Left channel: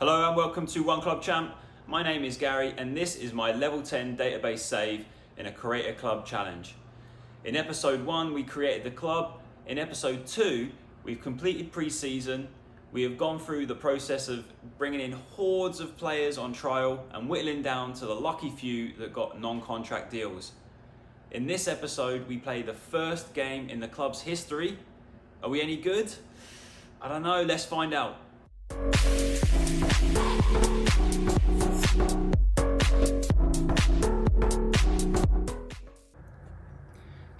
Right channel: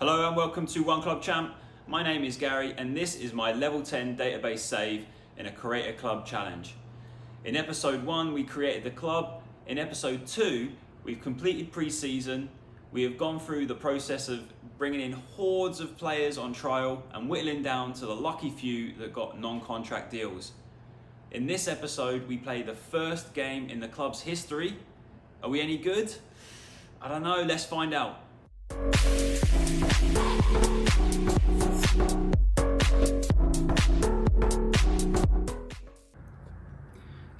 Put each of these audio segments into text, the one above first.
Hello and welcome to One Club Champ. My name is Gary and this is my level 10 database save in a Create a Club challenge. In episode 1 we created the club. In episode 2 we've completed pre-season. We have gone through the process of bringing in hordes of players on trial and whittling down to the lucky few that got non-contract deals. In this episode we play the first game in the club's history. Are we any good? I don't know, let's find out.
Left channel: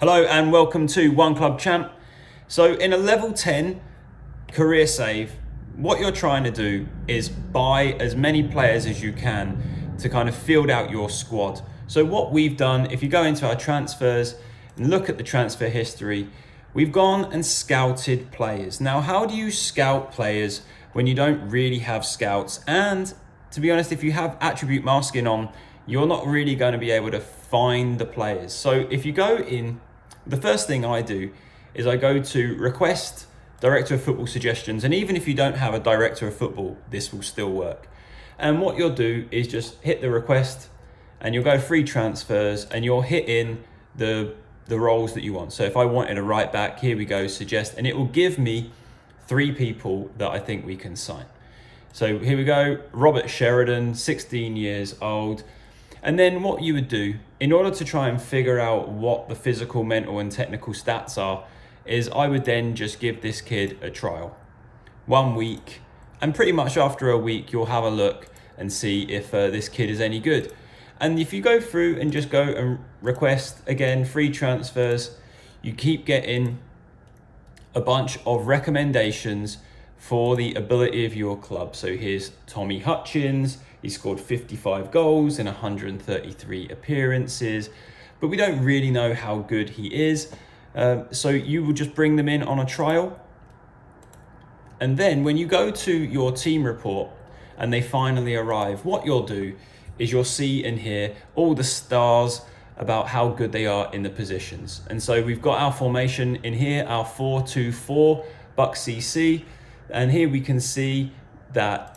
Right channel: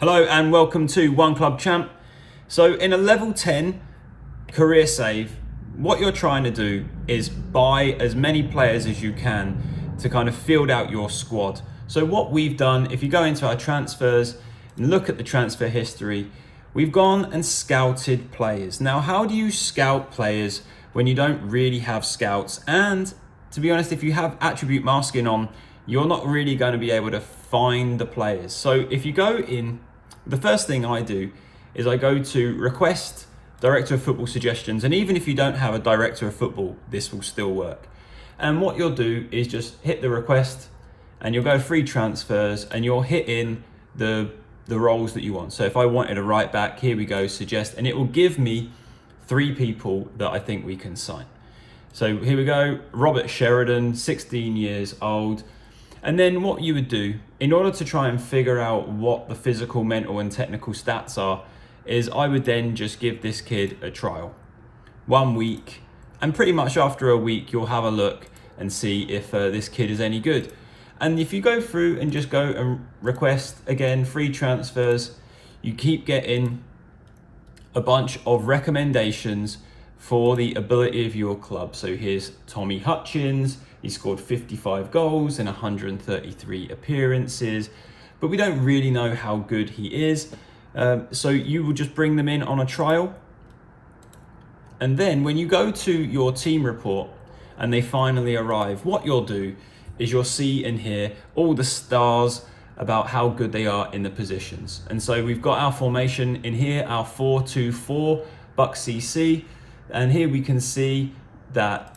Hello and welcome to One Club Champ. So in a level 10 career save, what you're trying to do is buy as many players as you can to kind of field out your squad. So what we've done, if you go into our transfers and look at the transfer history, we've gone and scouted players. Now, how do you scout players when you don't really have scouts? And to be honest, if you have attribute masking on, you're not really going to be able to find the players. So if you go in, the first thing I do is I go to request director of football suggestions. And even if you don't have a director of football, this will still work. And what you'll do is just hit the request and you'll go free transfers and you'll hit in the roles that you want. So if I wanted a right back, here we go, suggest, and it will give me 3 people that I think we can sign. So here we go, Robert Sheridan, 16 years old. And then what you would do, in order to try and figure out what the physical, mental and technical stats are, is I would then just give this kid a trial. 1 week, and pretty much after a week, you'll have a look and see if this kid is any good. And if you go through and just go and request, again, free transfers, you keep getting a bunch of recommendations for the ability of your club. So here's Tommy Hutchins. He scored 55 goals in 133 appearances, but we don't really know how good he is. So you will just bring them in on a trial. And then when you go to your team report and they finally arrive, what you'll do is you'll see and hear all the stars about how good they are in the positions. And so we've got our formation in here, our 4-2-4 Buck CC. And here we can see that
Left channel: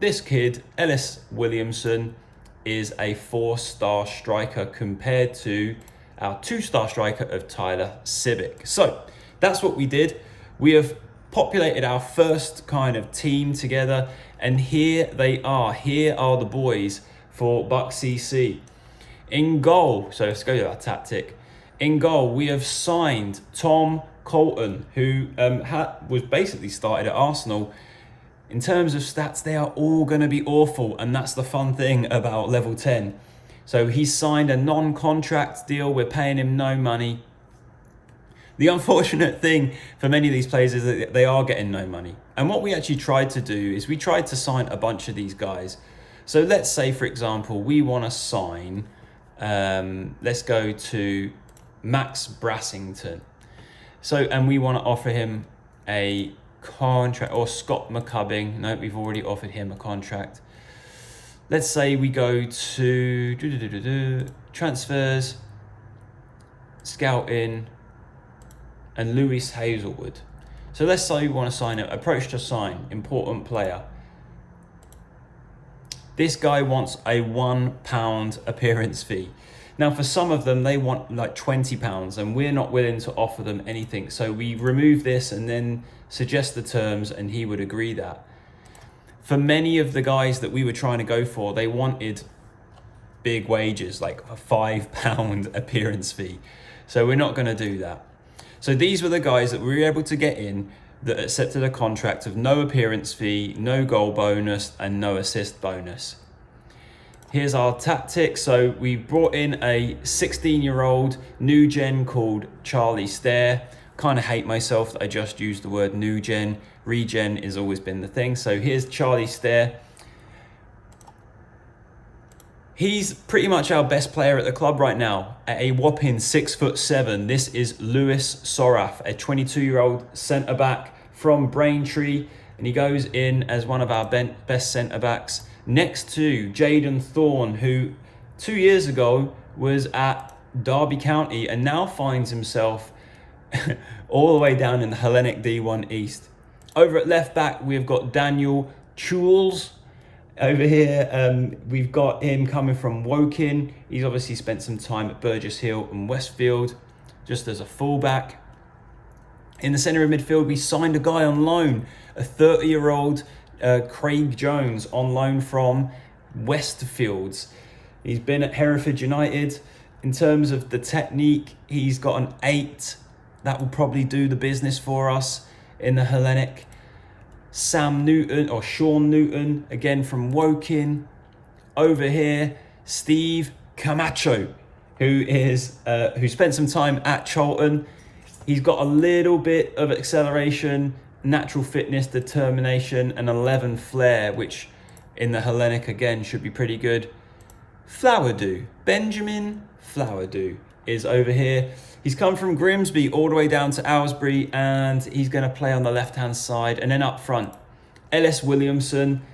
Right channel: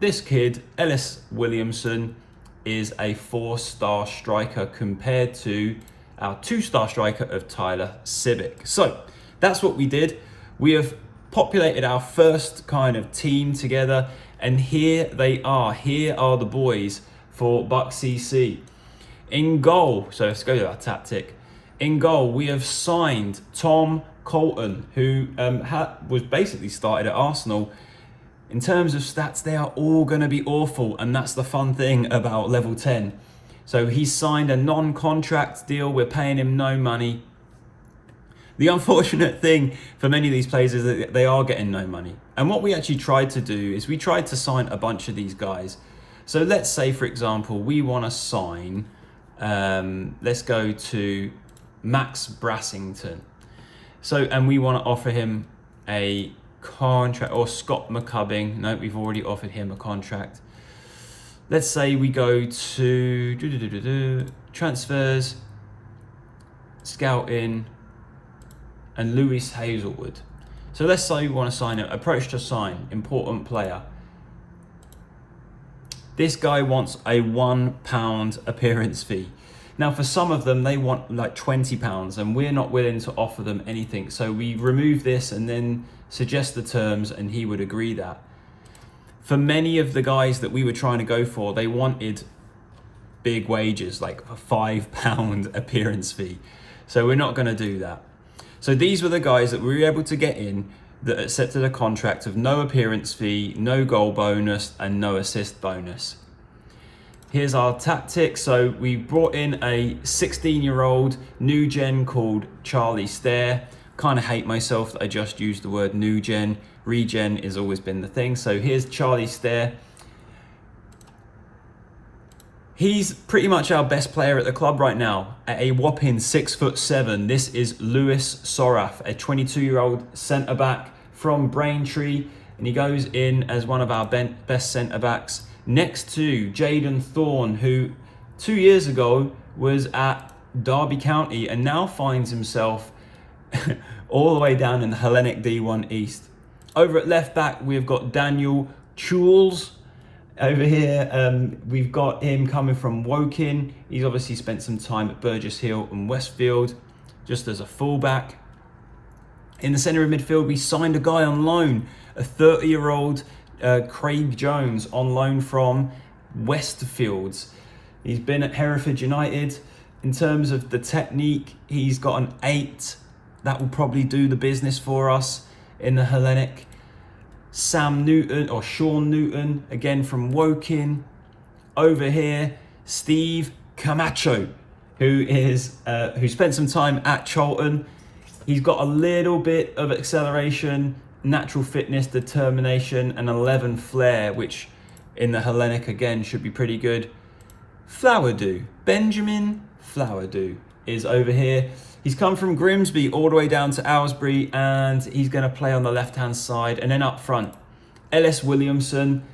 this kid, Ellis Williamson, is a 4-star striker compared to our 2-star striker of Tyler Civic. So that's what we did. We have populated our first kind of team together, and here they are. Here are the boys for Buck CC. In goal, so let's go to our tactic. In goal, we have signed Tom Colton, who was basically started at Arsenal. In terms of stats, they are all going to be awful, and that's the fun thing about level 10. So he's signed a non-contract deal. We're paying him no money. The unfortunate thing for many of these players is that they are getting no money. And what we actually tried to do is we tried to sign a bunch of these guys. So let's say, for example, we want to sign, let's go to Max Brassington. So, and we want to offer him a contract, or Scott McCubbing. No, we've already offered him a contract. Let's say we go to transfers, scouting, and Lewis Hazelwood. So let's say we want to sign him, approach to sign, important player. This guy wants a £1 appearance fee. Now for some of them, they want like £20 and we're not willing to offer them anything. So we remove this and then suggest the terms and he would agree that. For many of the guys that we were trying to go for, they wanted big wages, like a £5 appearance fee. So we're not going to do that. So these were the guys that we were able to get in that accepted a contract of no appearance fee, no goal bonus, and no assist bonus. Here's our tactic. So we brought in a 16-year-old new gen called Charlie Stair. Kind of hate myself that I just used the word new gen. Regen has always been the thing. So here's Charlie Stair. He's pretty much our best player at the club right now. At a whopping 6'7", this is Lewis Soraf, a 22-year-old centre-back from Braintree, and he goes in as one of our best centre-backs next to Jaden Thorne, who 2 years ago was at Derby County and now finds himself all the way down in the Hellenic D1 East. Over at left back, we've got Daniel Chules, Over here, we've got him coming from Woking. He's obviously spent some time at Burgess Hill and Westfield, just as a fullback. In the centre of midfield, we signed a guy on loan, a 30-year-old Craig Jones on loan from Westfields. He's been at Hereford United. In terms of the technique, he's got an 8. That will probably do the business for us in the Hellenic. Sean Newton, again from Woking. Over here, Steve Camacho, who spent some time at Charlton. He's got a little bit of acceleration, natural fitness, determination, and 11 flair, which in the Hellenic again should be pretty good. Flowerdew, Benjamin Flowerdew is over here. He's come from Grimsby all the way down to Aylesbury, and he's going to play on the left-hand side. And then up front, Ellis Williamson,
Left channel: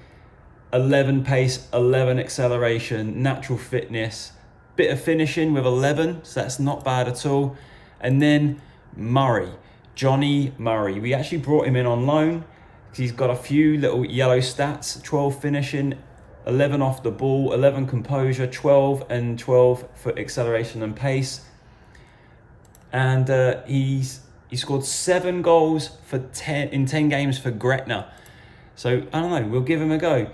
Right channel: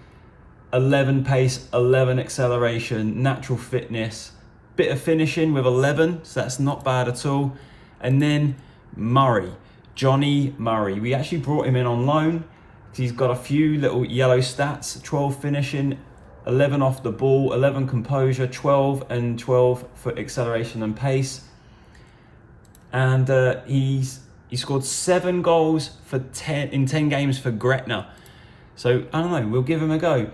11 pace, 11 acceleration, natural fitness, bit of finishing with 11, so that's not bad at all. And then Murray, Johnny Murray. We actually brought him in on loan because he's got a few little yellow stats, 12 finishing, 11 off the ball, 11 composure, 12 and 12 for acceleration and pace. And he scored 7 goals in 10 games for Gretna. So I don't know, we'll give him a go.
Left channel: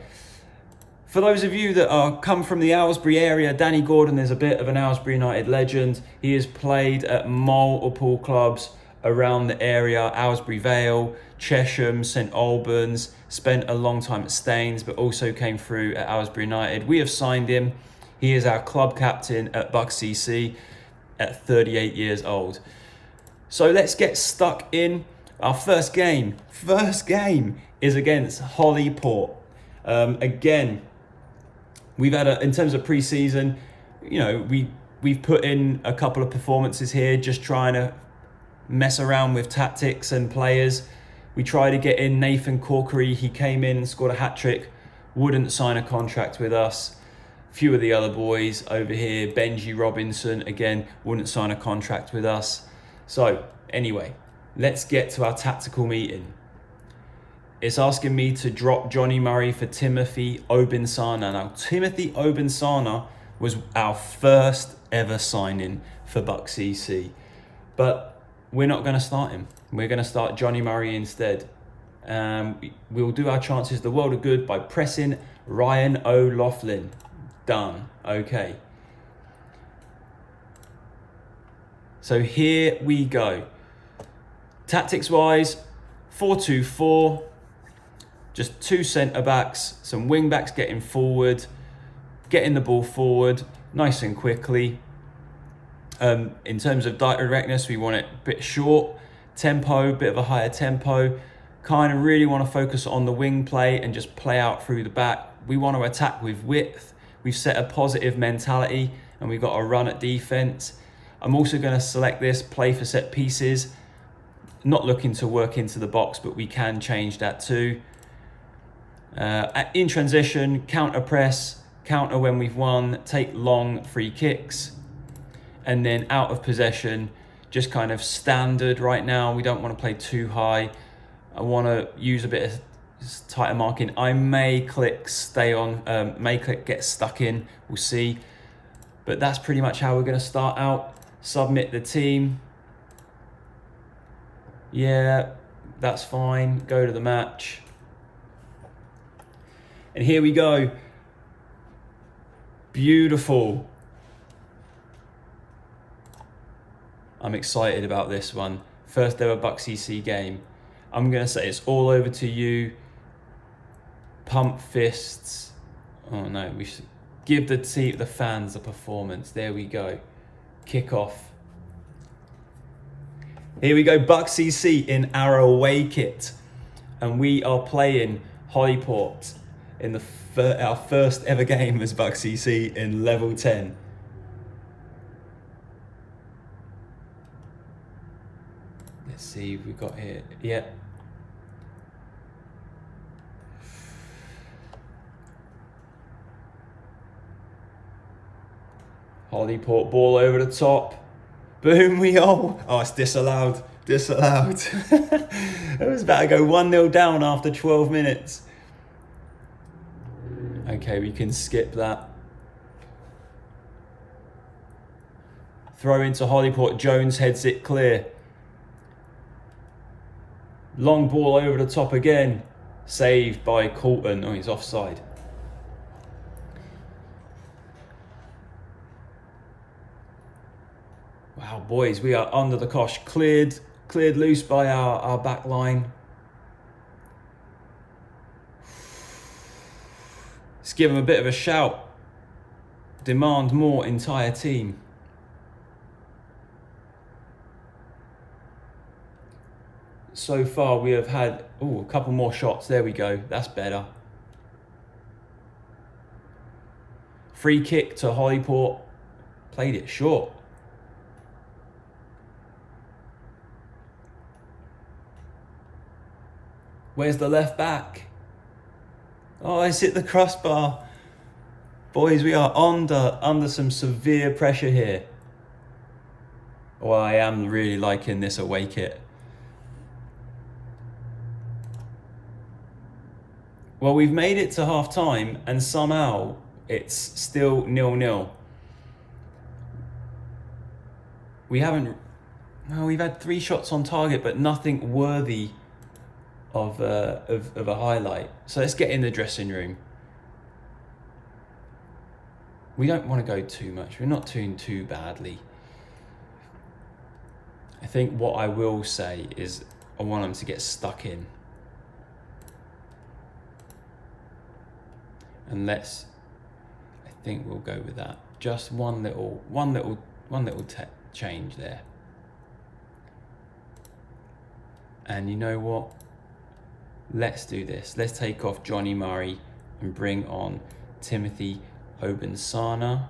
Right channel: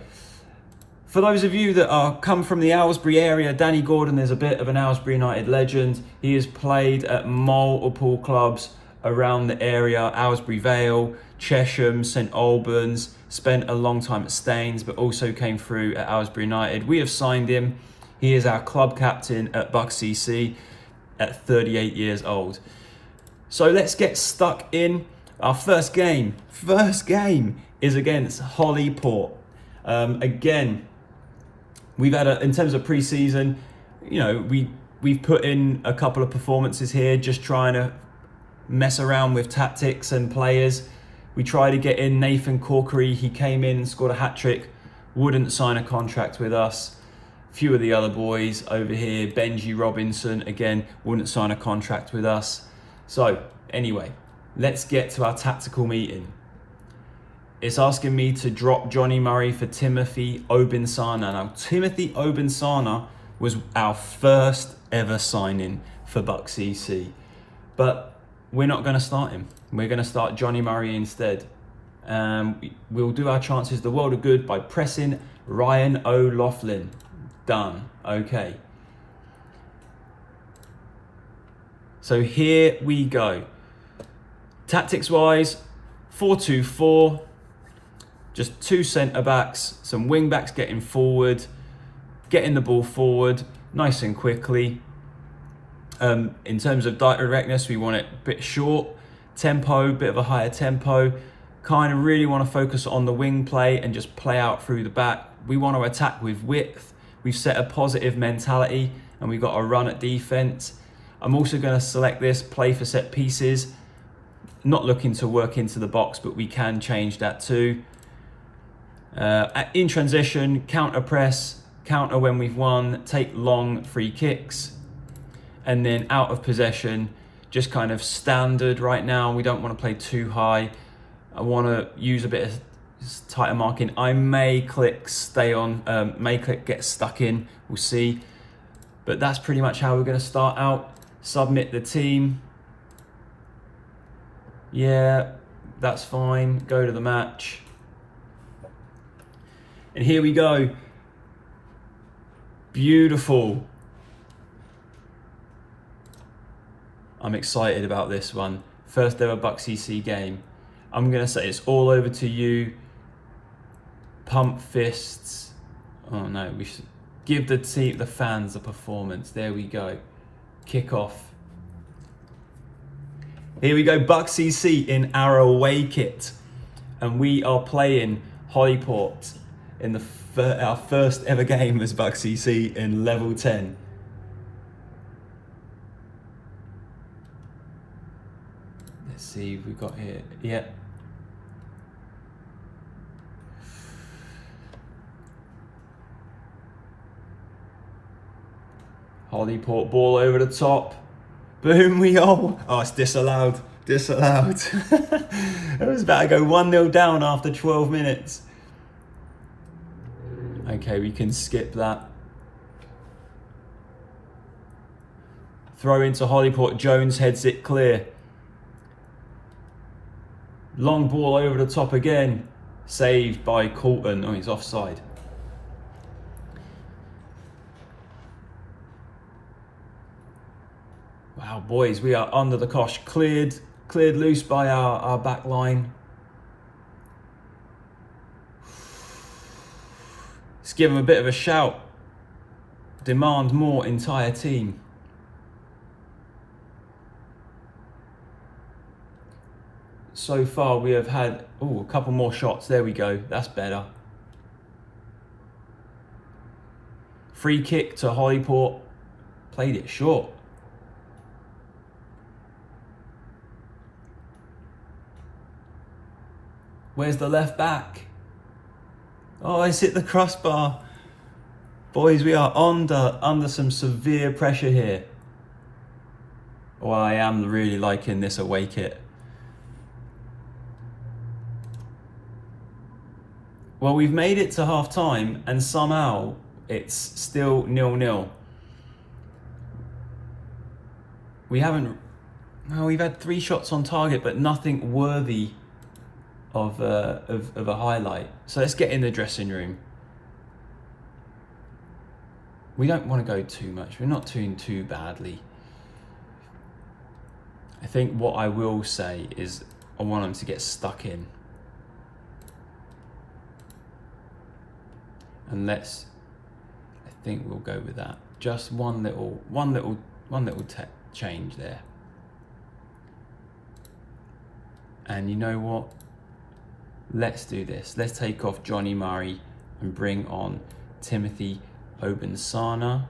For those of you that are come from the Aylesbury area, Danny Gordon is a bit of an Aylesbury United legend. He has played at multiple clubs around the area, Aylesbury Vale, Chesham, St Albans, spent a long time at Staines, but also came through at Aylesbury United. We have signed him. He is our club captain at Bucks CC at 38 years old. So let's get stuck in. Our first game is against Hollyport. Again, we've had in terms of pre-season, we've put in a couple of performances here, just trying to mess around with tactics and players. We tried to get in Nathan Corkery. He came in and scored a hat-trick, wouldn't sign a contract with us. A few of the other boys over here, Benji Robinson, again, wouldn't sign a contract with us. So anyway, let's get to our tactical meeting. It's asking me to drop Johnny Murray for Timothy Obinsana. Now, Timothy Obinsana was our first ever signing for Bucks CC, but we're not going to start him. We're going to start Johnny Murray instead. We'll do our chances the world of good by pressing Ryan O'Loughlin. Done. Okay. So here we go. Tactics-wise, 4-2-4. Just 2 centre-backs, some wing-backs getting forward, getting the ball forward nice and quickly. In terms of directness, we want it a bit short, tempo, bit of a higher tempo. Kind of really want to focus on the wing play and just play out through the back. We want to attack with width. We've set a positive mentality and we've got a run at defence. I'm also going to select this, play for set pieces. Not looking to work into the box, but we can change that too. In transition, counter press, counter when we've won, take long free kicks. And then out of possession, just kind of standard right now. We don't want to play too high. I want to use a bit of tighter marking. I may click stay on, may click get stuck in, we'll see. But that's pretty much how we're going to start out. Submit the team. Yeah, that's fine. Go to the match. And here we go. Beautiful. I'm excited about this one. First ever Bucks CC game. I'm going to say it's all over to you. Pump fists. Oh no, we should give the fans a performance. There we go. Kick off. Here we go, Bucks CC in our away kit. And we are playing Hollyport in our first ever game as Bucks CC in level 10. Let's see what we've got here. Yeah. Hollyport ball over the top. Boom, we all. Oh, it's disallowed. Disallowed. It was about to go 1-0 down after 12 minutes. Okay, we can skip that. Throw into Hollyport. Jones heads it clear. Long ball over the top again. Saved by Colton. Oh, he's offside. Wow, boys, we are under the cosh. Cleared loose by our back line. Let's give them a bit of a shout. Demand more, entire team. So far we have had a couple more shots. There we go. That's better. Free kick to Hollyport. Played it short. Where's the left back? Oh, it's hit the crossbar. Boys, we are under some severe pressure here. Well, I am really liking this away kit. Well, we've made it to half time and somehow it's still 0-0. We've had 3 shots on target, but nothing worthy of a highlight. So let's get in the dressing room. We don't want to go too much. We're not doing too badly. I think what I will say is I want them to get stuck in. And I think we'll go with that. Just one little change there. And you know what? Let's do this. Let's take off Johnny Murray and bring on Timothy Obensana.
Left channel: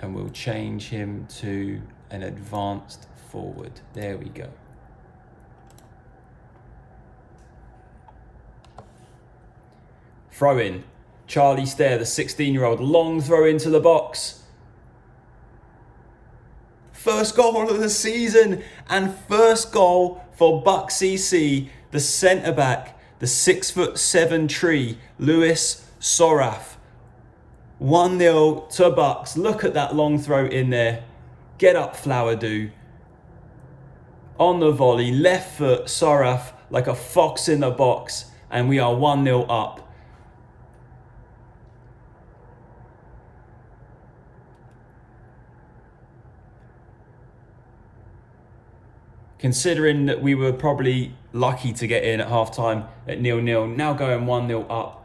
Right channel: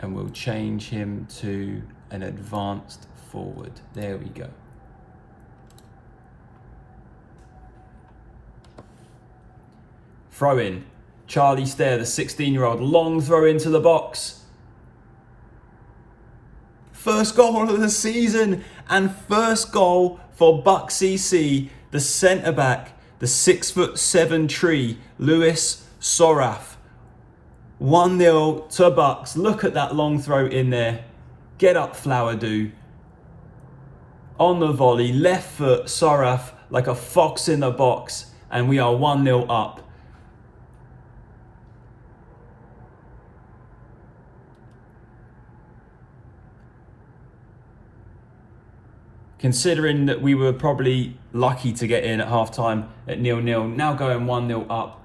And we'll change him to an advanced forward. There we go. Throw in. Charlie Stair, the 16-year-old, long throw into the box. First goal of the season and first goal for Buck CC, the centre-back, the 6'7" tree, Lewis Soraf. 1-0 to Bucks. Look at that long throw in there. Get up, Flowerdew. On the volley, left foot, Soraf like a fox in the box, and we are 1-0 up. Considering that we were probably lucky to get in at half-time at 0-0, now going 1-0 up,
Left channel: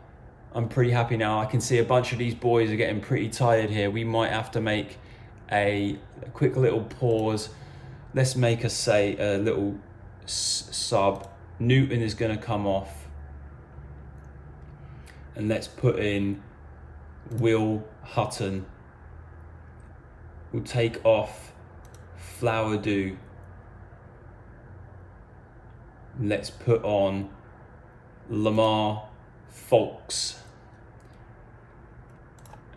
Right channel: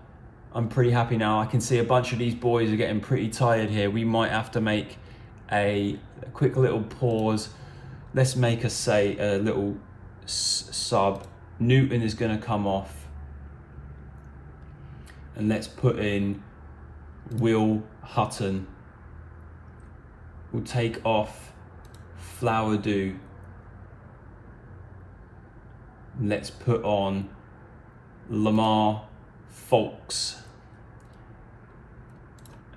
I'm pretty happy now. I can see a bunch of these boys are getting pretty tired here. We might have to make a quick little pause. Let's make a little sub. Newton is going to come off. And let's put in Will Hutton. We'll take off Flowerdew. Let's put on Lamar Folks.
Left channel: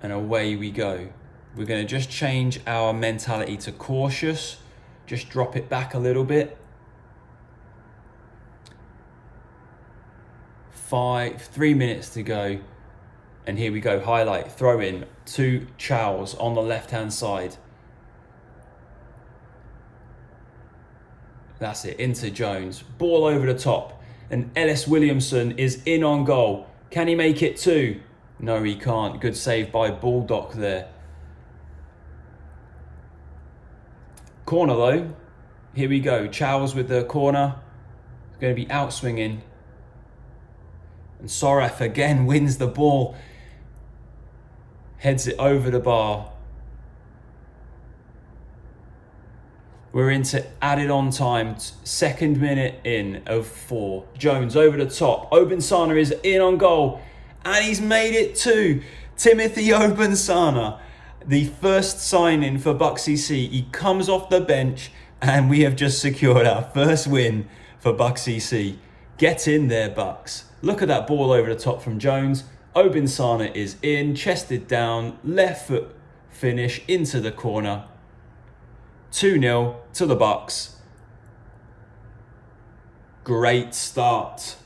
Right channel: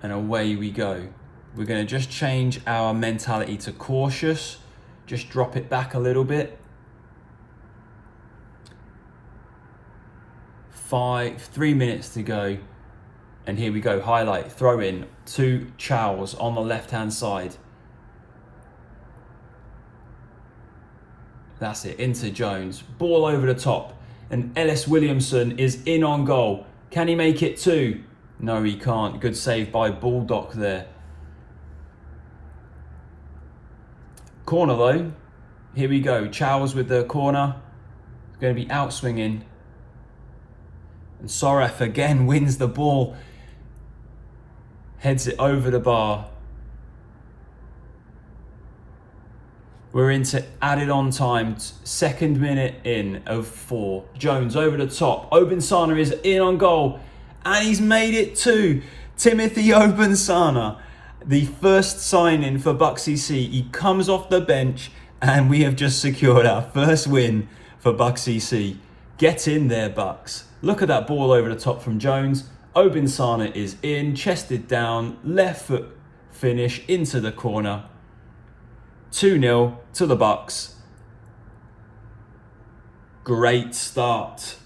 And away we go. We're going to just change our mentality to cautious. Just drop it back a little bit. 3 minutes to go. And here we go. Highlight. Throw in to Charles on the left-hand side. That's it, into Jones. Ball over the top. And Ellis Williamson is in on goal. Can he make it 2? No, he can't. Good save by Baldock there. Corner though. Here we go. Charles with the corner. Going to be out swinging. And Soref again wins the ball. Heads it over the bar. We're into added on time, 2nd minute in of 4. Jones over the top. Obensana is in on goal. And he's made it 2. Timothy Obensana, the first signing for Buck CC. He comes off the bench and we have just secured our first win for Buck CC. Get in there, Bucks. Look at that ball over the top from Jones. Obensana is in, chested down, left foot finish into the corner. 2-0 to the Bucks. Great start.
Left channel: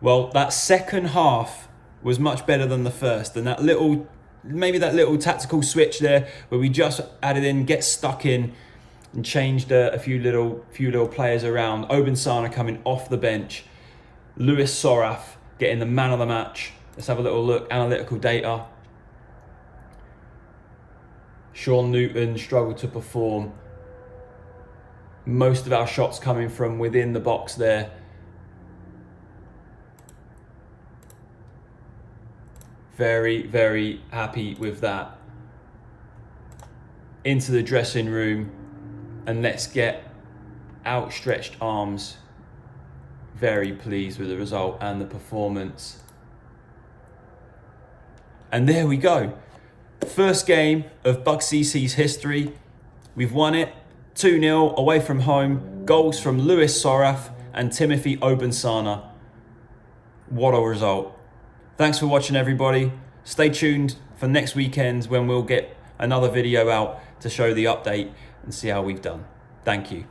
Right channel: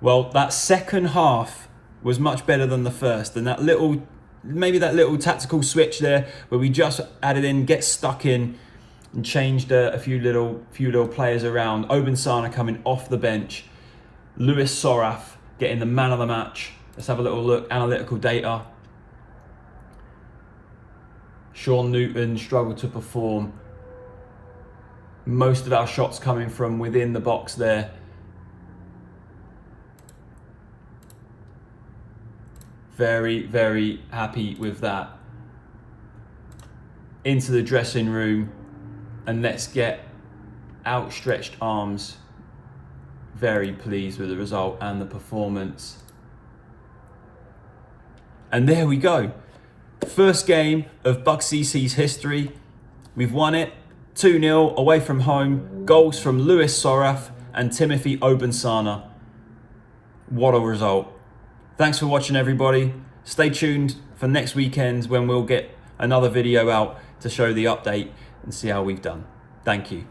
Well, that second half was much better than the first, and maybe that little tactical switch there where we just added in, get stuck in and changed a few little players around. Obansana coming off the bench, Lewis Soraf getting the man of the match. Let's have a little look, analytical data. Sean Newton struggled to perform. Most of our shots coming from within the box there. Very, very happy with that. Into the dressing room and let's get outstretched arms. Very pleased with the result and the performance. And there we go. First game of Bug CC's history. We've won it 2-0 away from home. Goals from Lewis Soraf and Timothy Obansana. What a result. Thanks for watching, everybody. Stay tuned for next weekend when we'll get another video out to show the update and see how we've done. Thank you.